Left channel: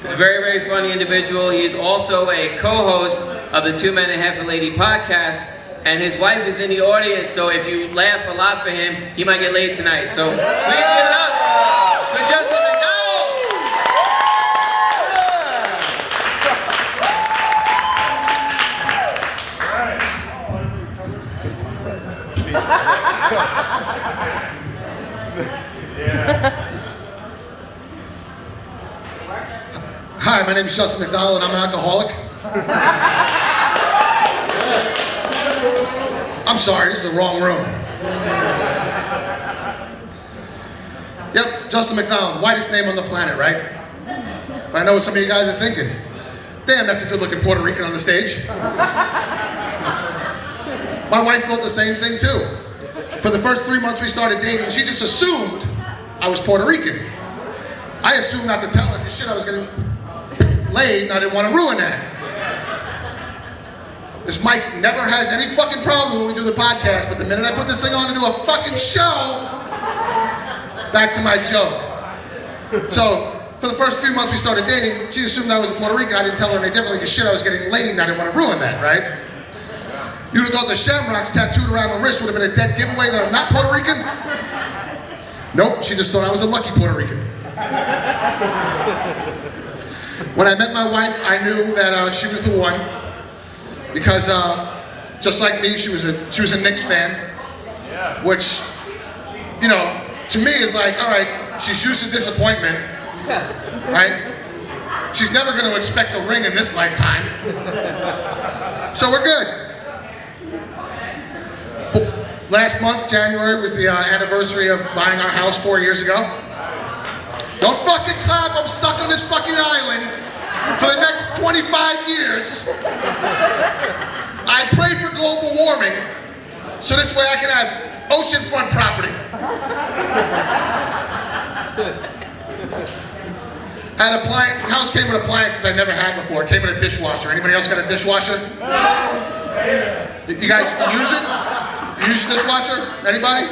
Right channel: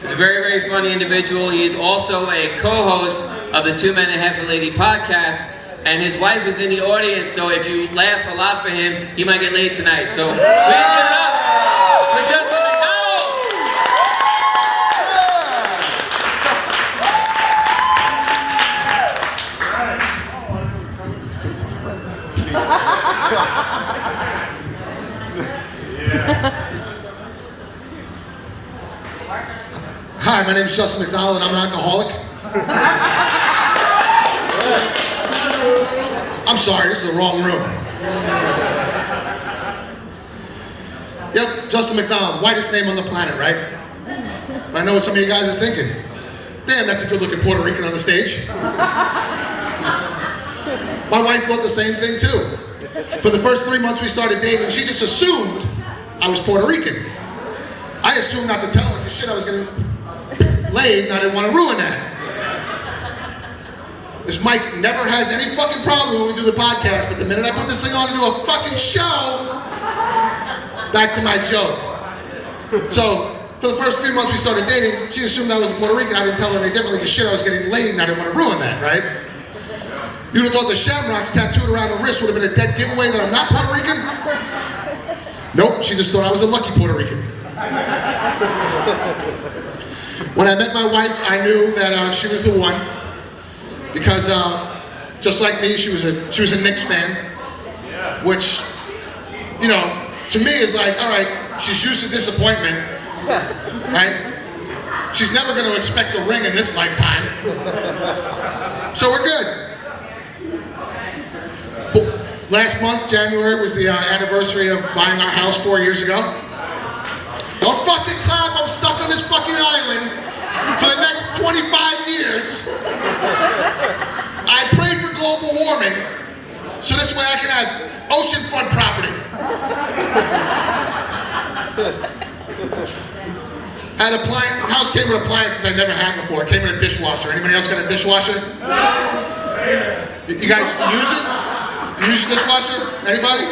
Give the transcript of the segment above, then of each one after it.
He's a very, very funny individual. He is also a co-host of the Two Men and a Half a Lady podcast. And his wife is in the audience, so if you laugh a lot for him, he might get laid tonight. So please give it up for Justin McDonald! Hi, my name is Justin McDonald, and I'm an alcoholic. I'm sorry, this is the wrong room. Yep, Justin McDonald, whitest name on the planet, right? But I know what some of you guys are thinking. Damn, that's a good-looking Puerto Rican on the stage. My wife thought the same thing, too. For the first 3 months we started dating, she just assumed I was Puerto Rican. I assumed not to tell her because shit, I was getting laid and I didn't want to ruin that. This mic never has any fucking problem when we do the podcast, but the minute I put this thing on and do a fucking show, back to my joke. So, for the first 3 months we started dating, she assumed I was Puerto Rican. I didn't tell her any differently because shit, I was getting laid and I didn't want to ruin that, right? You'd have thought the shamrocks tattooed around the wrist would have been a dead giveaway that I'm not Puerto Rican. Nope, she just thought I was a lucky Puerto Rican. When I met my wife, I knew that she was the one. Because just like me, she was a Knicks fan, which, you know, to me is like, all right, she's used to disappointment, right? She's never going to expect a ring in this lifetime, so we're good. Last month, January, was the anniversary of buying our house 4 years ago. Don't fucking clap, I'm stuck on this fucking island for the next 25 years. I pray for global warming, so this way I can have oceanfront property. And house came with appliances I never had before. It came with a dishwasher. Anybody else got a dishwasher? You guys use it? You use your dishwasher? Anybody?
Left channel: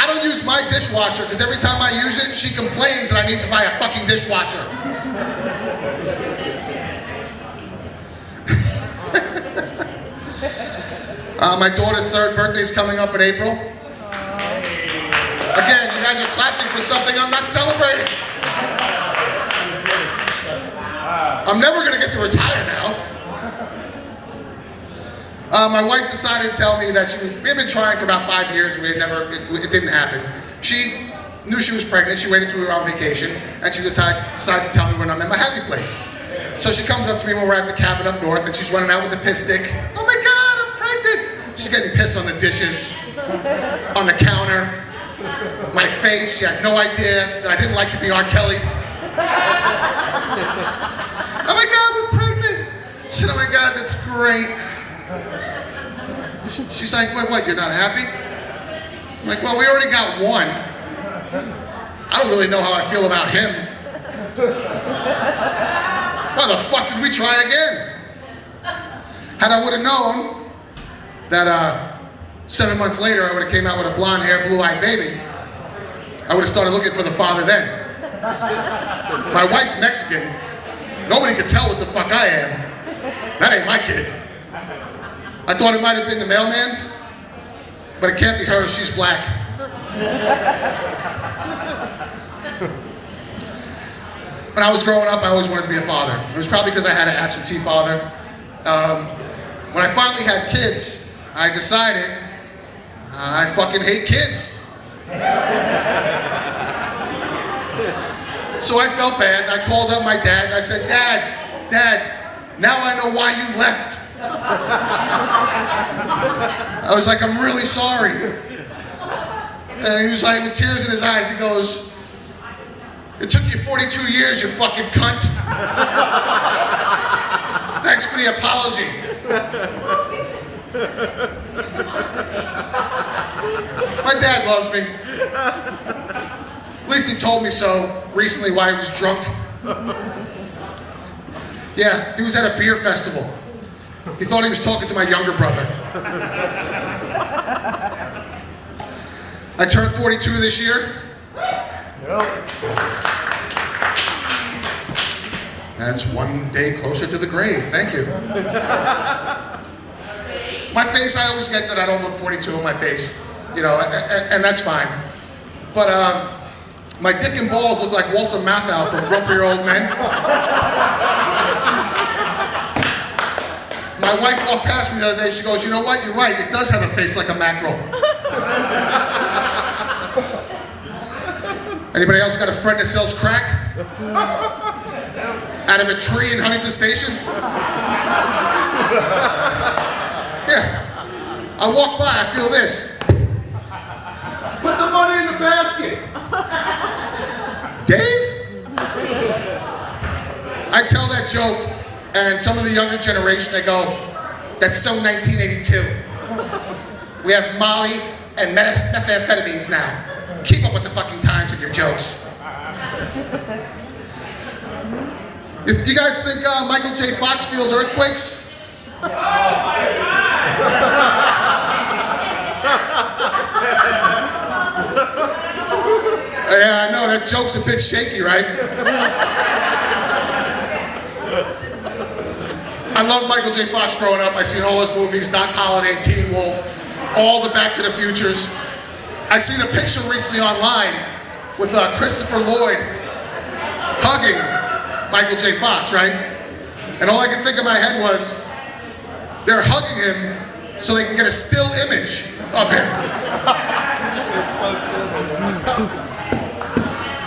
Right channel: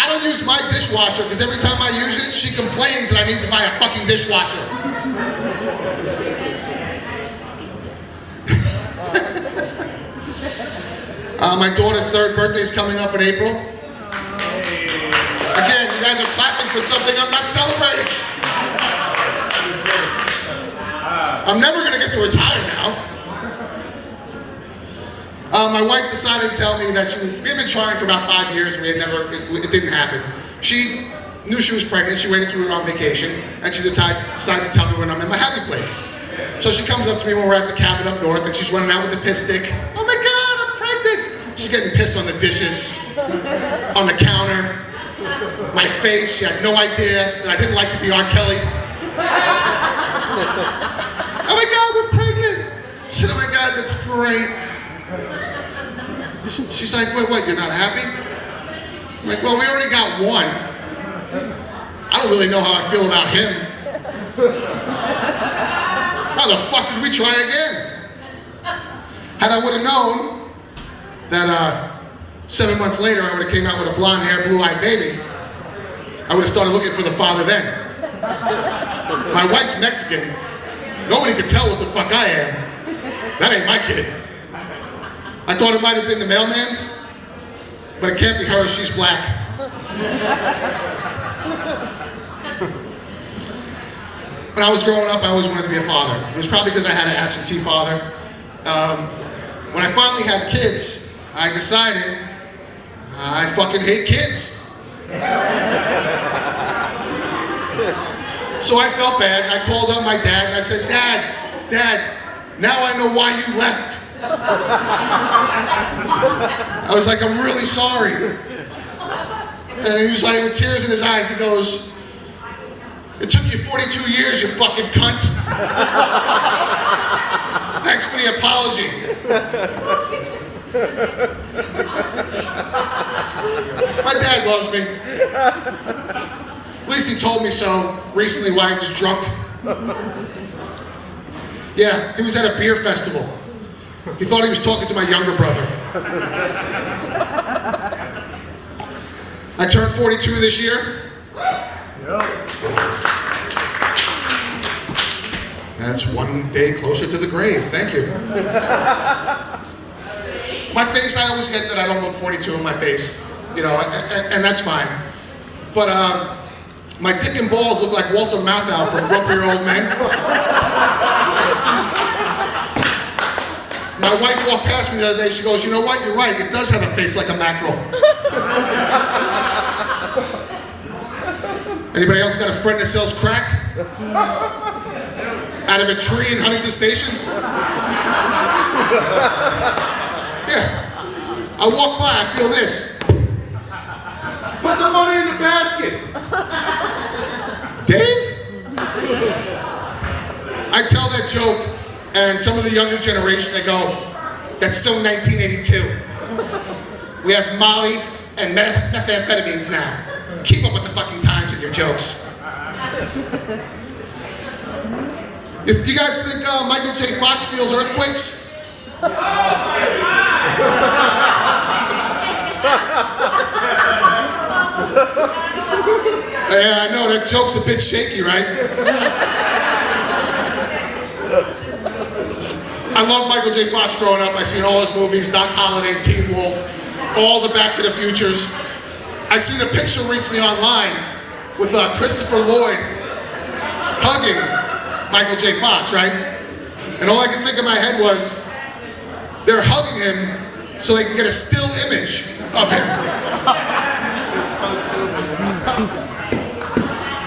I don't use my dishwasher because every time I use it, she complains that I need to buy a fucking dishwasher. My daughter's 3rd birthday is coming up in April. Again, you guys are clapping for something I'm not celebrating. I'm never going to get to retire now. My wife decided to tell me that we had been trying for about 5 years and it didn't happen. She knew she was pregnant, she waited till we were on vacation, and she decides to tell me when I'm in my happy place. So she comes up to me when we're at the cabin up north and she's running out with the piss stick. Oh my God, I'm pregnant. She's getting pissed on the dishes, on the counter, my face. She had no idea that I didn't like to be R. Kelly. Oh my God, we're pregnant. I said, oh my God, that's great. She's like, wait, what, you're not happy? I'm like, well, we already got one. I don't really know how I feel about him. Why the fuck did we try again? Had I would have known that 7 months later I would have came out with a blonde hair, blue-eyed baby, I would have started looking for the father then. My wife's Mexican. Nobody could tell what the fuck I am. That ain't my kid. I thought it might have been the mailman's, but it can't be her, she's black. When I was growing up, I always wanted to be a father. It was probably because I had an absentee father. When I finally had kids, I decided I fucking hate kids. So I felt bad, and I called up my dad, and I said, Dad, now I know why you left. I was like, I'm really sorry. And he was like, with tears in his eyes, he goes, it took you 42 years, you fucking cunt. Thanks for the apology. My dad loves me. At least he told me so recently while he was drunk. Yeah, he was at a beer festival. He thought he was talking to my younger brother. I turned 42 this year. Yep. That's one day closer to the grave. Thank you. My face, I always get that I don't look 42 on my face, you know, and that's fine. But my dick and balls look like Walter Matthau from Grumpier Old Men. My wife walked past me the other day, she goes, you know what, you're right, it does have a face like a mackerel. Anybody else got a friend that sells crack? Out of a tree in Huntington Station? Yeah. I walk by, I feel this. Put the money in the basket. Dave? I tell that joke, and some of the younger generation, they go, that's so 1982. We have Molly and methamphetamines now. Keep up with the fucking times with your jokes. If you guys think Michael J. Fox feels earthquakes? Yeah, I know, that joke's a bit shaky, right? I love Michael J. Fox growing up. I seen all his movies, Doc Holliday, Teen Wolf, all the Back to the Futures. I seen a picture recently online with Christopher Lloyd hugging Michael J. Fox, right? And all I could think in my head was, they're hugging him so they can get a still image of him.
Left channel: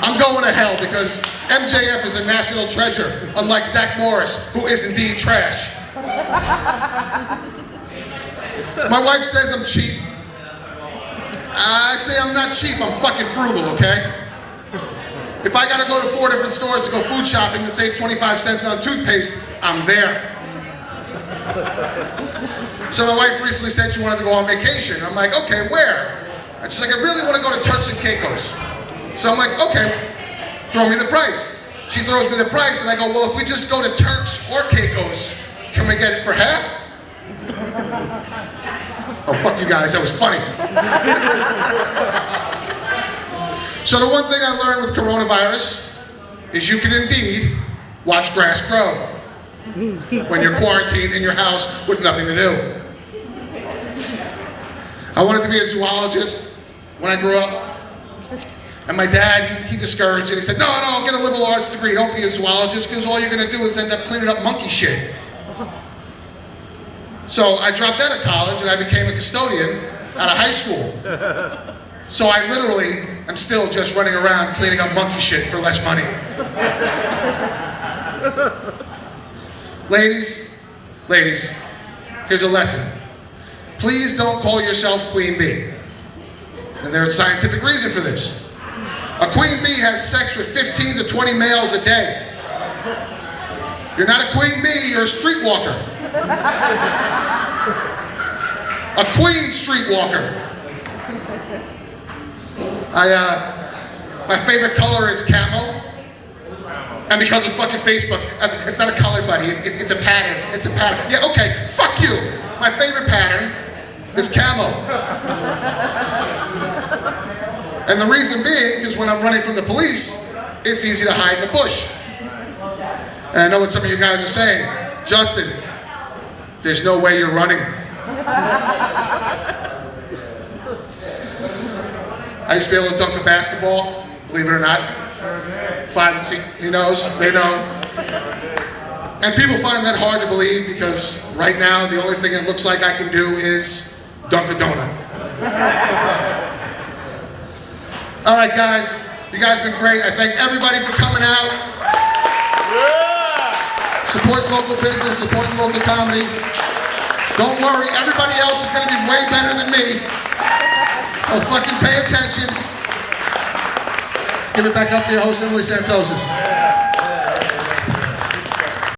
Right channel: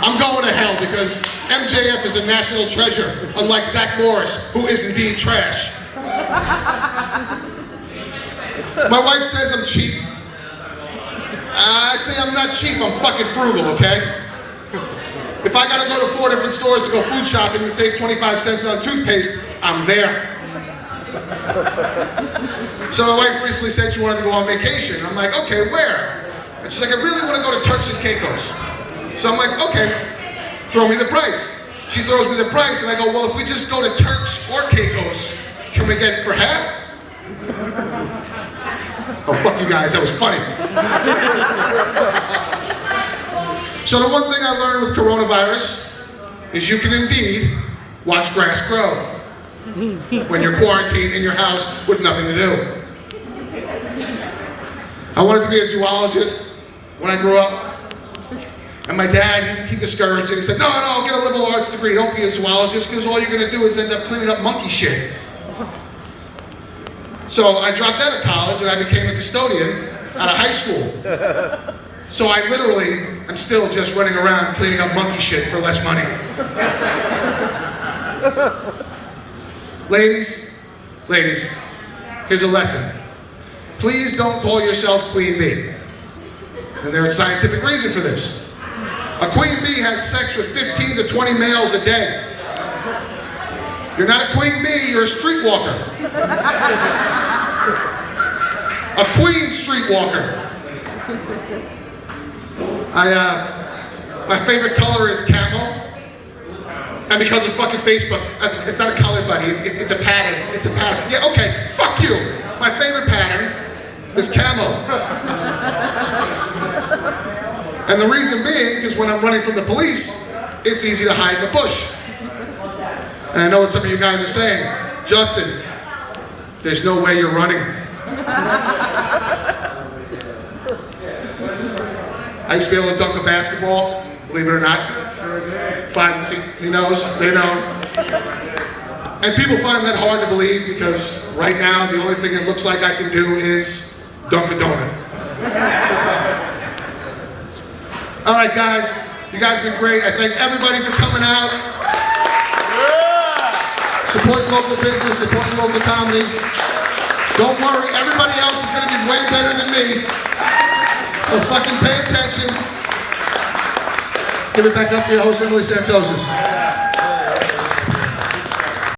I'm going to hell because MJF is a national treasure, unlike Zach Morris, who is indeed trash. My wife says I'm cheap. I say I'm not cheap, I'm fucking frugal, okay? If I gotta go to 4 different stores to go food shopping to save 25 cents on toothpaste, I'm there. So my wife recently said she wanted to go on vacation. I'm like, okay, where? And she's like, I really want to go to Turks and Caicos. So I'm like, okay, throw me the price. She throws me the price, and I go, well, if we just go to Turks or Caicos, can we get it for half? Oh, fuck you guys, that was funny. So the one thing I learned with coronavirus is you can indeed watch grass grow when you're quarantined in your house with nothing to do. I wanted to be a zoologist when I grew up. And my dad, he discouraged it. He said, no, get a liberal arts degree. Don't be a zoologist, because all you're going to do is end up cleaning up monkey shit. So I dropped out of college and I became a custodian out of high school. So I literally am still just running around cleaning up monkey shit for less money. Ladies, here's a lesson. Please don't call yourself Queen Bee. And there's a scientific reason for this. A queen bee has sex with 15 to 20 males a day. You're not a queen bee, you're a streetwalker. A queen streetwalker. My favorite color is camel. And because of fucking Facebook, it's not a color, buddy, it's a pattern. It's a pattern. Yeah, okay, fuck you. My favorite pattern is camel. And the reason being is when I'm running from the police, it's easy to hide in the bush. And I know what some of you guys are saying. Justin, there's no way you're running. I used to be able to dunk a basketball, believe it or not. 5, he knows, they know. And people find that hard to believe because right now the only thing it looks like I can do is dunk a donut. All right, guys, you guys have been great. I thank everybody for coming out. Support local business, support local comedy. Don't worry, everybody else is going to be way better than me. So fucking pay attention. Let's give it back up for your host, Emily Santosis.